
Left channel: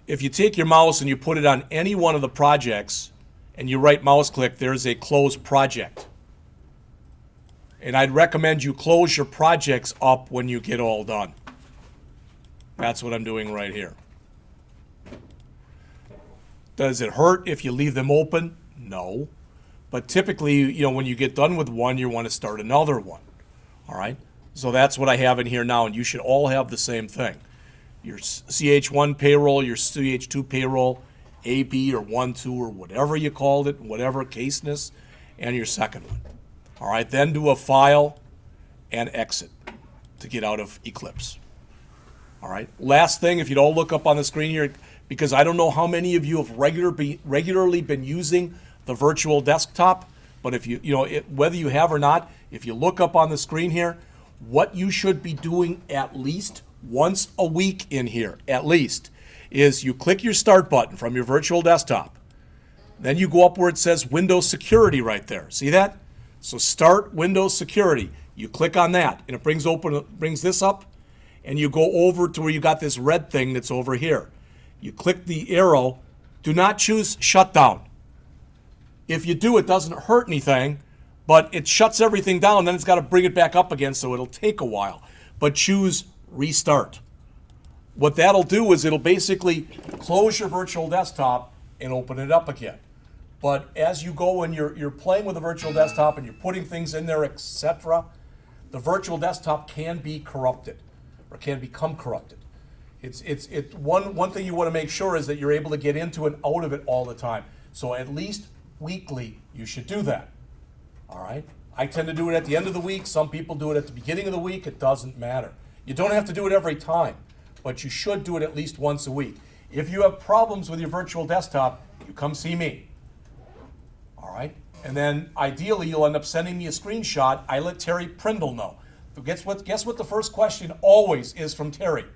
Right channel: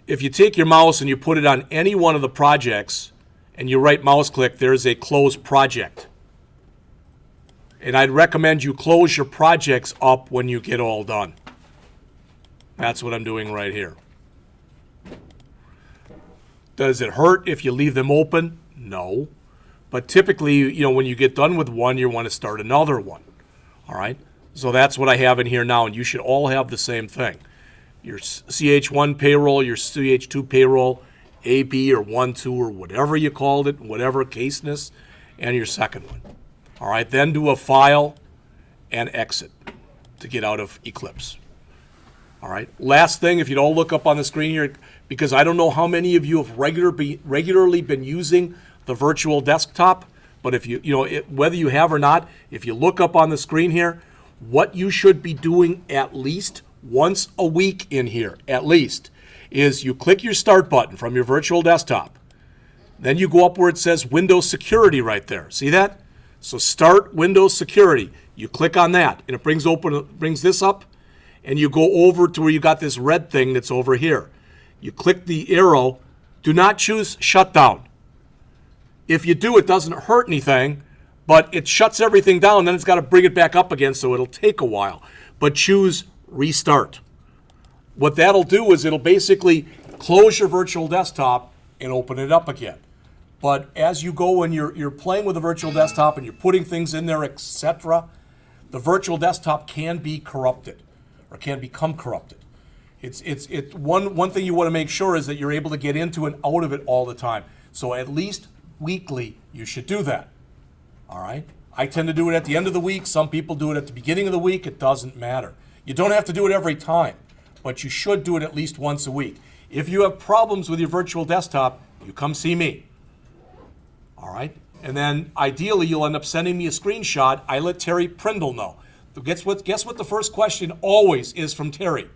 if you take your mouse and you put it on any one of the projects and you right mouse click, there's a close project. And I'd recommend you close your projects up when you get all done. That's what I'm doing right here. Does it hurt if you leave them open? No. But typically, when you get done with one, you want to start another one. All right? So that's what I have in here now, and you should all have the same thing. Your CH1 payroll, your CH2 payroll, AB or 1, 2, or whatever you called it, whatever caseness, and your second one. All right? Then do a file and exit to get out of Eclipse. All right? Last thing, if you don't look up on the screen here, because I don't know how many of you have regularly been using the virtual desktop, but if whether you have or not, if you look up on the screen here, what you should be doing at least once a week in here, at least, is you click your start button from your virtual desktop. Then you go up where it says Windows Security right there. See that? So start Windows Security. You click on that, and it brings this up, and you go over to where you got this red thing that's over here. You click the arrow. Do not choose shutdown. If you do, it doesn't hurt anything, but it shuts everything down. Then it's got to bring it back up again, so it'll take a while. But choose restart. What that'll do is it'll basically close your virtual desktop and open it up again. But as you go and you're playing with the virtual desktop and you're putting things in there, etc., the virtual desktop can be corrupted or can become corrupted. One thing you want to make sure is that you're able to get into and out of it all the time. So at least weekly, you should do that. All right? I tend to do it at the end of the week. Some people do it at the beginning of the week. It doesn't matter. You don't have to do it every time, but you should do it at least once a week. If you have problems with your virtual desktop, you come see me. All right? And then ideally, you'll end up sending me a screenshot. I let Terry Prindle know. Guess what the first question always is from Terry?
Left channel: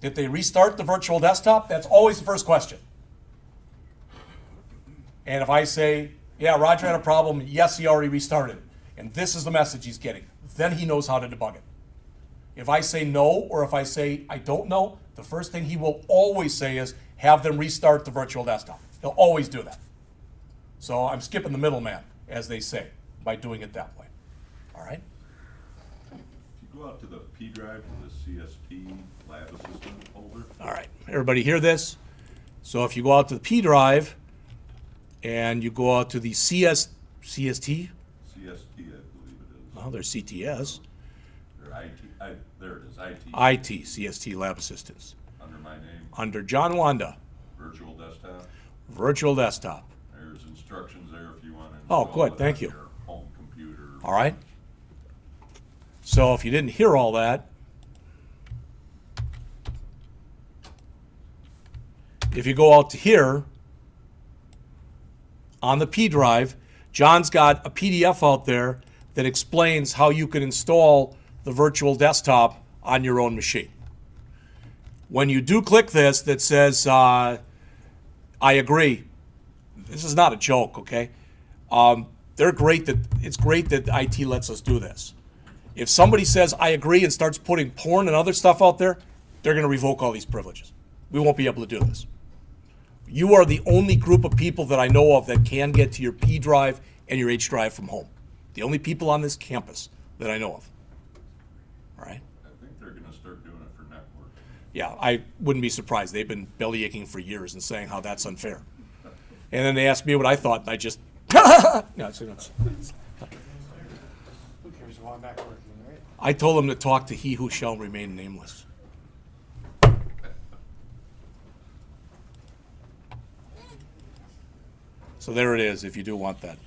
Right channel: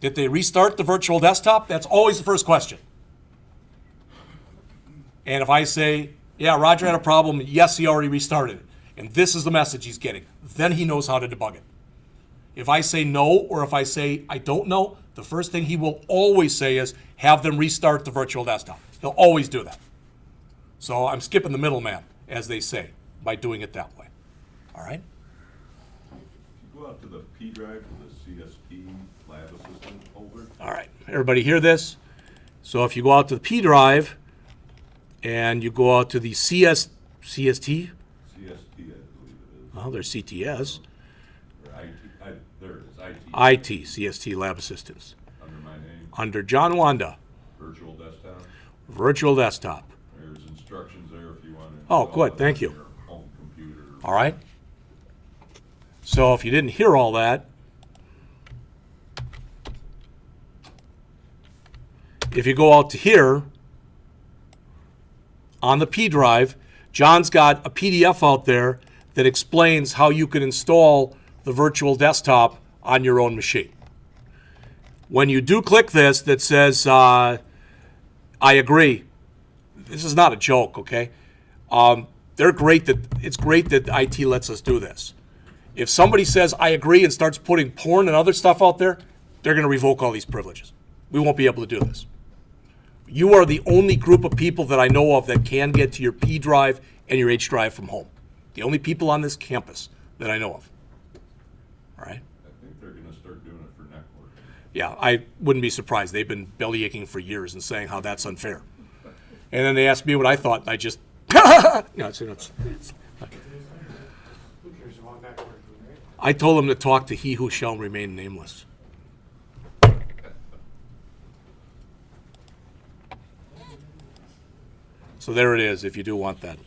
Did they restart the virtual desktop? That's always the first question. And if I say, yeah, Roger had a problem, yes, he already restarted it, and this is the message he's getting, then he knows how to debug it. If I say no, or if I say I don't know, the first thing he will always say is have them restart the virtual desktop. He'll always do that. So I'm skipping the middleman, as they say, by doing it that way. All right? If you go out to the P drive for the CSP lab assistant folder. All right. Everybody hear this? So if you go out to the P drive and you go out to the CST? CST, I believe it is. Oh, there's CTS. Or IT, there it is, IT. CST Lab Assistance. Under my name. Under John Wanda. Virtual desktop. Virtual desktop. There's instructions there if you want to. Oh, good. Thank you. Your home computer. All right. So if you didn't hear all that, if you go out to here, on the P drive, John's got a PDF out there that explains how you can install the virtual desktop on your own machine. When you do click this that says, I agree, this is not a joke, okay? It's great that IT lets us do this. If somebody says, I agree, and starts putting porn and other stuff out there, they're going to revoke all these privileges. We won't be able to do this. You are the only group of people that I know of that can get to your P drive and your H drive from home. The only people on this campus that I know of. All right? I think they're gonna start doing it for network. Yeah, I wouldn't be surprised. They've been belly aching for years and saying how that's unfair. And then they asked me what I thought, and I just, I told them to talk to he who shall remain nameless. So there it is, if you do want that.